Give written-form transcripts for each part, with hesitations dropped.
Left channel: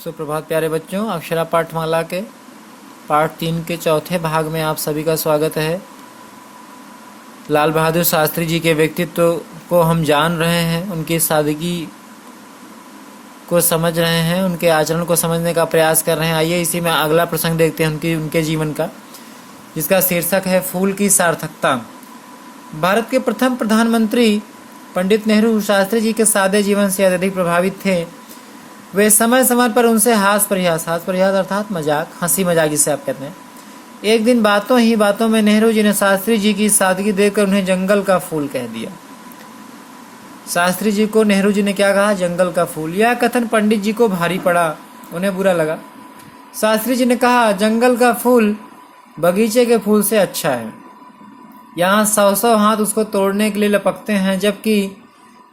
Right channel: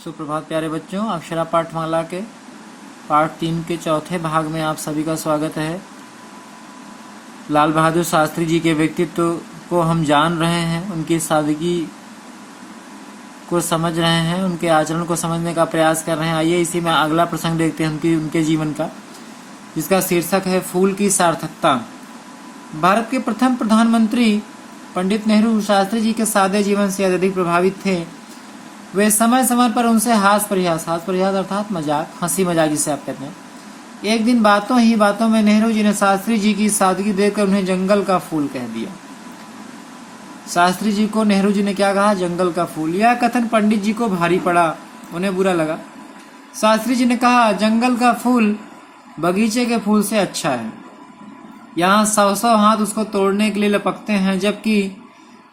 सुप्रभात प्यारे बच्चों, अक्षरा पाठमाला के पाठ 3 के चौथे भाग में आप सभी का स्वागत है। लाल बहादुर शास्त्री जी के व्यक्तित्व को हम जान रहे हैं, उनकी सादगी को समझ रहे हैं, उनके आचरण को समझने का प्रयास कर रहे हैं। आइए इसी में अगला प्रसंग देखते हैं उनके जीवन का, जिसका शीर्षक है फूल की सार्थकता। भारत के प्रथम प्रधानमंत्री पंडित नेहरू शास्त्री जी के सादे जीवन से अत्यधिक प्रभावित थे। वे समय समय पर उनसे हास परिहास अर्थात मजाक, हंसी मजाक जिसे आप कहते हैं। एक दिन बातों ही बातों में नेहरू जी ने शास्त्री जी की सादगी देखकर उन्हें जंगल का फूल कह दिया। शास्त्री जी को नेहरू जी ने क्या कहा? जंगल का फूल। यह कथन पंडित जी को भारी पड़ा, उन्हें बुरा लगा। शास्त्री जी ने कहा, जंगल का फूल बगीचे के फूल से अच्छा है। यहाँ 100 हाथ उसको तोड़ने के लिए लपकते हैं, जबकि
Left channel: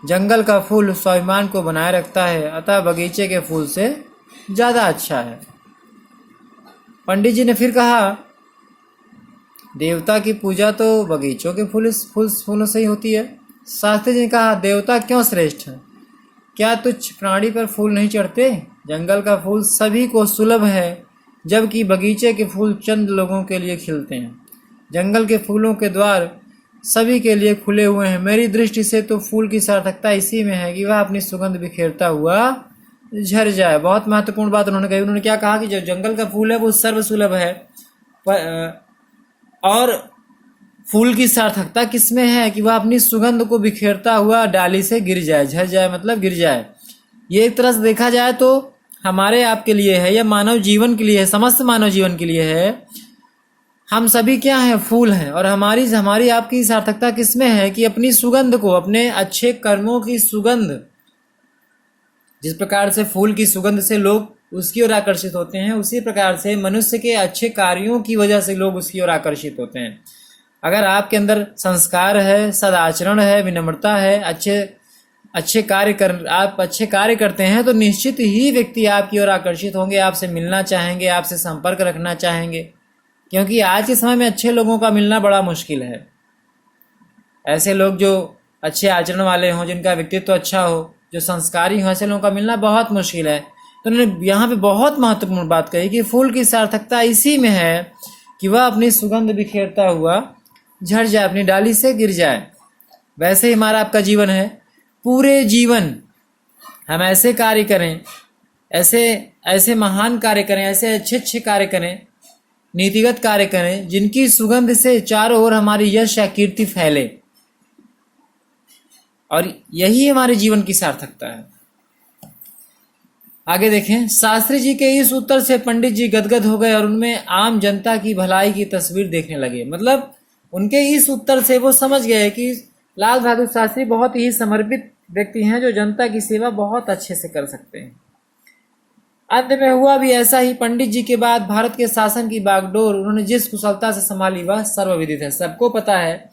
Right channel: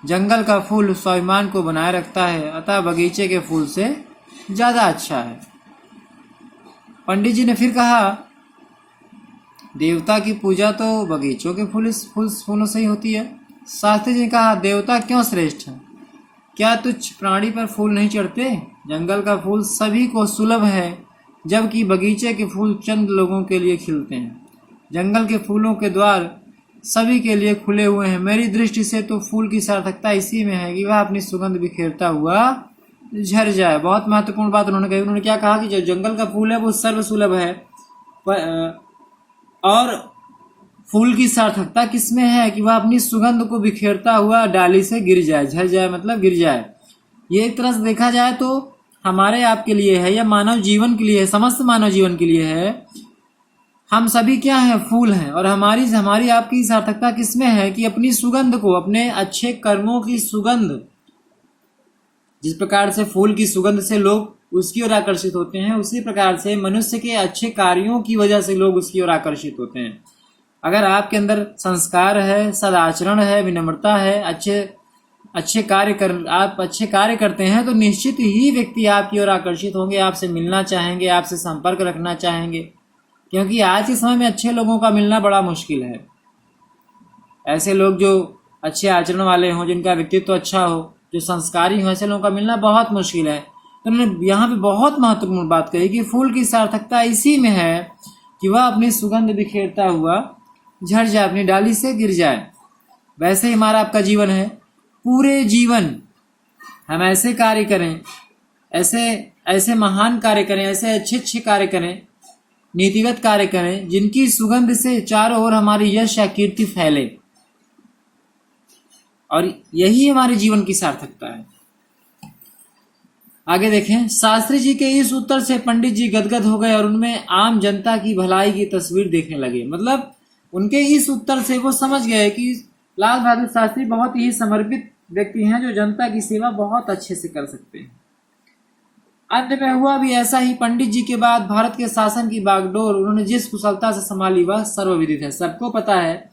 जंगल का फूल स्वाभिमान को बनाए रखता है, अतः बगीचे के फूल से ज्यादा अच्छा है। पंडित जी ने फिर कहा, देवता की पूजा तो बगीचों के फूलों से ही होती है। शास्त्री जी ने कहा, देवता क्यों श्रेष्ठ है? क्या तुच्छ प्राणी पर फूल नहीं चढ़ते? जंगल का फूल सभी को सुलभ है, जबकि बगीचे के फूल चंद लोगों के लिए खिलते हैं। जंगल के फूलों के द्वार सभी के लिए खुले हुए हैं। मेरी दृष्टि से तो फूल की सार्थकता इसी में है कि वह अपनी सुगंध बिखेरता हुआ झर जाए। बहुत महत्वपूर्ण बात उन्होंने कही। उन्होंने क्या कहा कि जो जंगल का फूल है वो सर्वसुलभ है, और फूल की सार्थकता किसमें है कि वह अपनी सुगंध को बिखेरता हुआ डाली से गिर जाए। झर जाए मतलब गिर जाए। ये एक तरह से देखा जाए तो हमारे आपके लिए है, या मानव जीवन के लिए है, समस्त मानव जीवन के लिए है। हम सभी क्या हैं? फूल हैं। और हमारी आपकी सार्थकता किसमें है कि अपनी सुगंध को, अपने अच्छे कर्मों की सुगंध, जिस प्रकार से फूल की सुगंध से लोग उसकी ओर आकर्षित होते हैं, उसी प्रकार से मनुष्य के अच्छे कार्यों की वजह से लोग उसकी ओर आकर्षित होते हैं। अगर आपके अंदर संस्कार है, सदाचरण है, विनम्रता है, आप अच्छे कार्य करते हैं, तो निश्चित ही व्यक्ति आपकी ओर आकर्षित होंगे, आपसे मिलना चाहेंगे, आपसे संपर्क रखना चाहेंगे। क्योंकि आज के समय में अच्छे लोगों का मिलना बड़ा मुश्किल है। ऐसे लोग जो अच्छे आचरण वाले हों, जिनका व्यक्तित्व अच्छा हो, जो संस्कारी हो, ऐसे लोगों का मिलना बहुत मुश्किल है। तो उन्होंने यहाँ पे बहुत महत्वपूर्ण बात कही कि फूल की सार्थकता इसी में है कि वह अपनी सुगंध बिखेरता हुआ झड़ जाए, अपनी डाली से गिर जाए। वैसे ही हमारा आपका जीवन है। पूरे जीवन हम ऐसे कार्य करें, ऐसे महान कार्य करें, ऐसे अच्छे कार्य करें, नीतिगत कार्य करें, जिनकी सुगंध से चारों ओर हमारी यश या कीर्ति फैले, और यही हमारे जीवन की सार्थकता है। आगे देखें। शास्त्री जी के इस उत्तर से पंडित जी गदगद हो गए और उनमें आम जनता की भलाई की तस्वीर देखने लगे। मतलब उनके इस उत्तर से वो समझ गए कि लाल बहादुर शास्त्री बहुत ही समर्पित व्यक्ति हैं, जो जनता की सेवा बहुत अच्छे से कर सकते हैं। अंत में हुआ भी ऐसा ही। पंडित जी के बाद भारत के शासन की बागडोर उन्होंने जिस कुशलता से संभाली वह सर्वविदित है। सबको पता है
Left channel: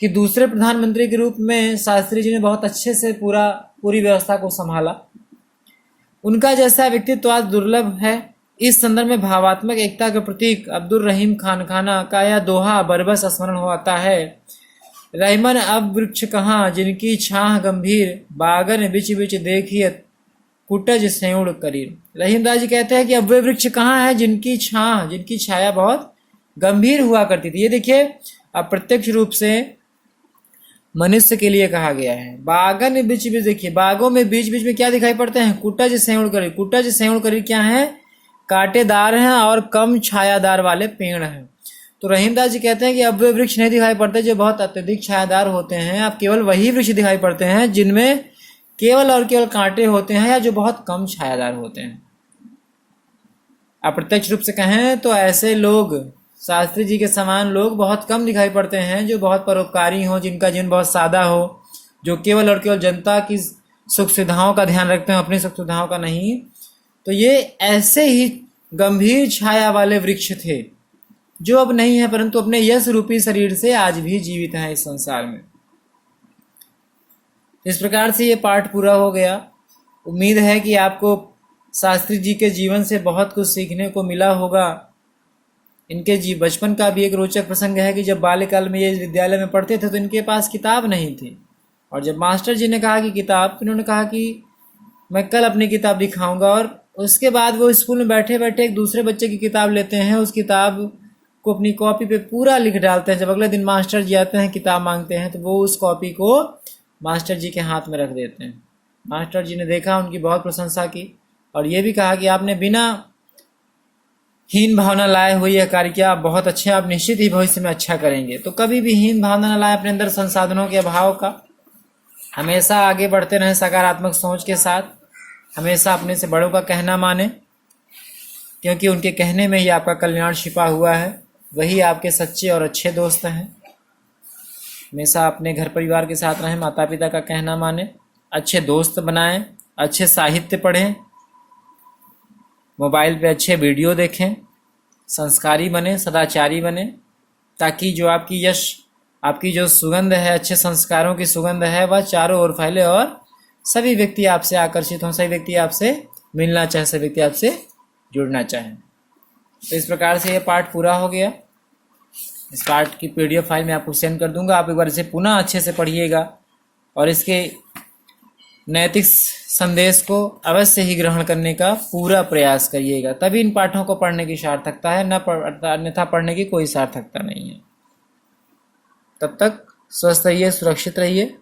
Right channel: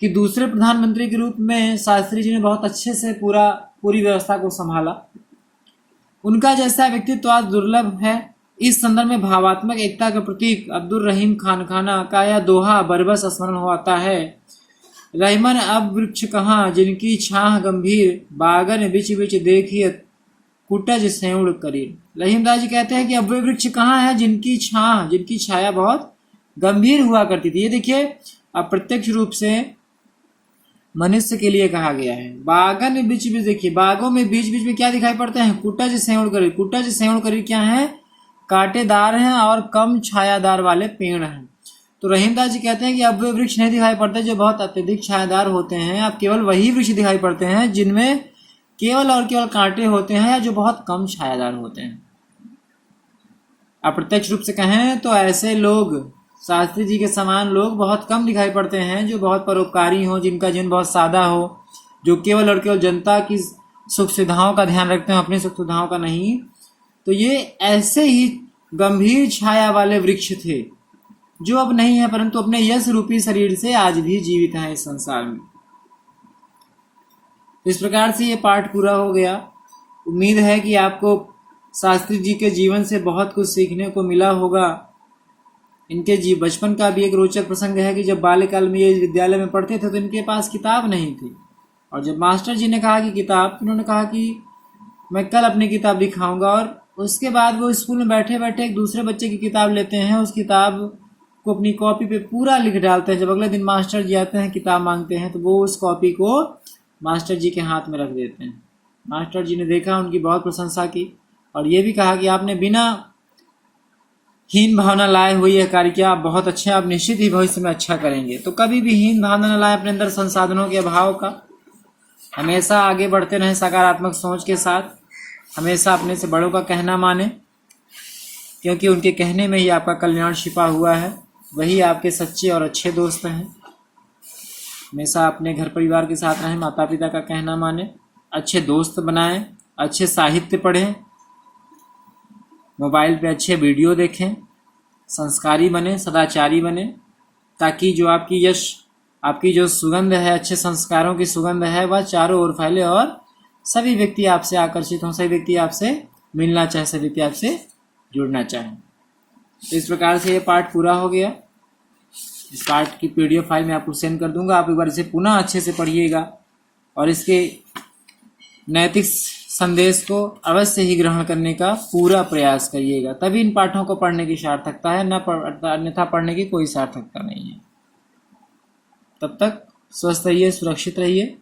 कि दूसरे प्रधानमंत्री के रूप में शास्त्री जी ने बहुत अच्छे से पूरी व्यवस्था को संभाला। उनका जैसा व्यक्तित्व आज दुर्लभ है। इस संदर्भ में भावात्मक एकता के प्रतीक अब्दुल रहीम खाना का यह दोहा बरबस स्मरण हो आता है। रहीमन अब वृक्ष कहाँ जिनकी छाह गंभीर, बागन बिच बिच देखिए कुटज सेउड़ करीर। रहीमदास जी कहते हैं कि अब वे वृक्ष कहाँ है जिनकी छाया बहुत गंभीर हुआ करती थी। ये देखिए, अप्रत्यक्ष रूप से मनुष्य के लिए कहा गया है। बागन बीच बीच, देखिए बागों में बीच बीच में क्या दिखाई पड़ते हैं? कुटज सेउड़ करीर। कुटज सेउड़ करीर क्या है? कांटेदार हैं और कम छायादार वाले पेड़ हैं। तो रहीमदास जी कहते हैं कि अब वे वृक्ष नहीं दिखाई पड़ते जो बहुत अत्यधिक छायादार होते हैं। अब केवल वही वृक्ष दिखाई पड़ते हैं जिनमें केवल और केवल कांटे होते हैं, या जो बहुत कम छायादार होते हैं। अप्रत्यक्ष रूप से कहें तो ऐसे लोग, शास्त्री जी के समान लोग बहुत कम दिखाई पड़ते हैं, जो बहुत परोपकारी हो, जिनका जीवन बहुत सादा हो, जो केवल और केवल जनता की सुख सुविधाओं का ध्यान रखते हैं, अपनी सुख सुविधाओं का नहीं। तो ये ऐसे ही गंभीर छाया वाले वृक्ष थे, जो अब नहीं है, परंतु अपने यश रूपी शरीर से आज भी जीवित हैं इस संसार में। इस प्रकार से ये पाठ पूरा हो गया। उम्मीद है कि आपको शास्त्री जी के जीवन से बहुत कुछ सीखने को मिला होगा। इनके बचपन का भी एक रोचक प्रसंग है कि जब बाल्यकाल में ये विद्यालय में पढ़ते थे तो इनके पास किताब नहीं थी, और जब मास्टर जी ने कहा कि किताब, तो इन्होंने कहा कि मैं कल अपनी किताब दिखाऊंगा, और उसके बाद वो स्कूल में बैठे बैठे एक दूसरे बच्चे की किताब लेते हैं, उस किताब को अपनी कॉपी पे पूरा लिख डालते हैं। जब अगले दिन मास्टर जी आते हैं किताब मांगते हैं तो वो उस कॉपी को मास्टर जी के हाथ में रख देते हैं। मास्टर जी ने देखा, उनकी बहुत प्रशंसा की और ये भी कहा कि आपने बिना हीन भावना लाए हुई यह कार्य किया, आप बहुत अच्छे, आप निश्चित ही भविष्य में अच्छा करेंगे। तो कभी भी हीन भावना न लाए अपने अंदर संसाधनों के अभाव का, हमेशा आगे बढ़ते रहें सकारात्मक सोच के साथ, हमेशा अपने से बड़ों का कहना माने, क्योंकि उनके कहने में ही आपका कल्याण छिपा हुआ है, वही आपके सच्चे और अच्छे दोस्त हैं। हमेशा अपने घर परिवार के साथ रहें, माता पिता का कहना माने, अच्छे दोस्त बनाएं, अच्छे साहित्य पढ़ें, मोबाइल पे अच्छे वीडियो देखें, संस्कारी बने, सदाचारी बने, ताकि जो आपकी यश, आपकी जो सुगंध है, अच्छे संस्कारों की सुगंध है, वह चारों ओर फैले और सभी व्यक्ति आपसे आकर्षित हों, सभी व्यक्ति आपसे मिलना चाहें, सभी व्यक्ति आपसे जुड़ना चाहें। तो इस प्रकार से ये पाठ पूरा हो गया। इस पाठ की PDF फाइल मैं आपको सेंड कर दूंगा, आप एक बार इसे पुनः अच्छे से पढ़िएगा और इसके नैतिक संदेश को अवश्य ही ग्रहण करने का पूरा प्रयास करिएगा, तभी इन पाठों को पढ़ने की सार्थकता है, अन्यथा पढ़ने की कोई सार्थकता नहीं है। तब तक स्वस्थ रहिए, सुरक्षित रहिए।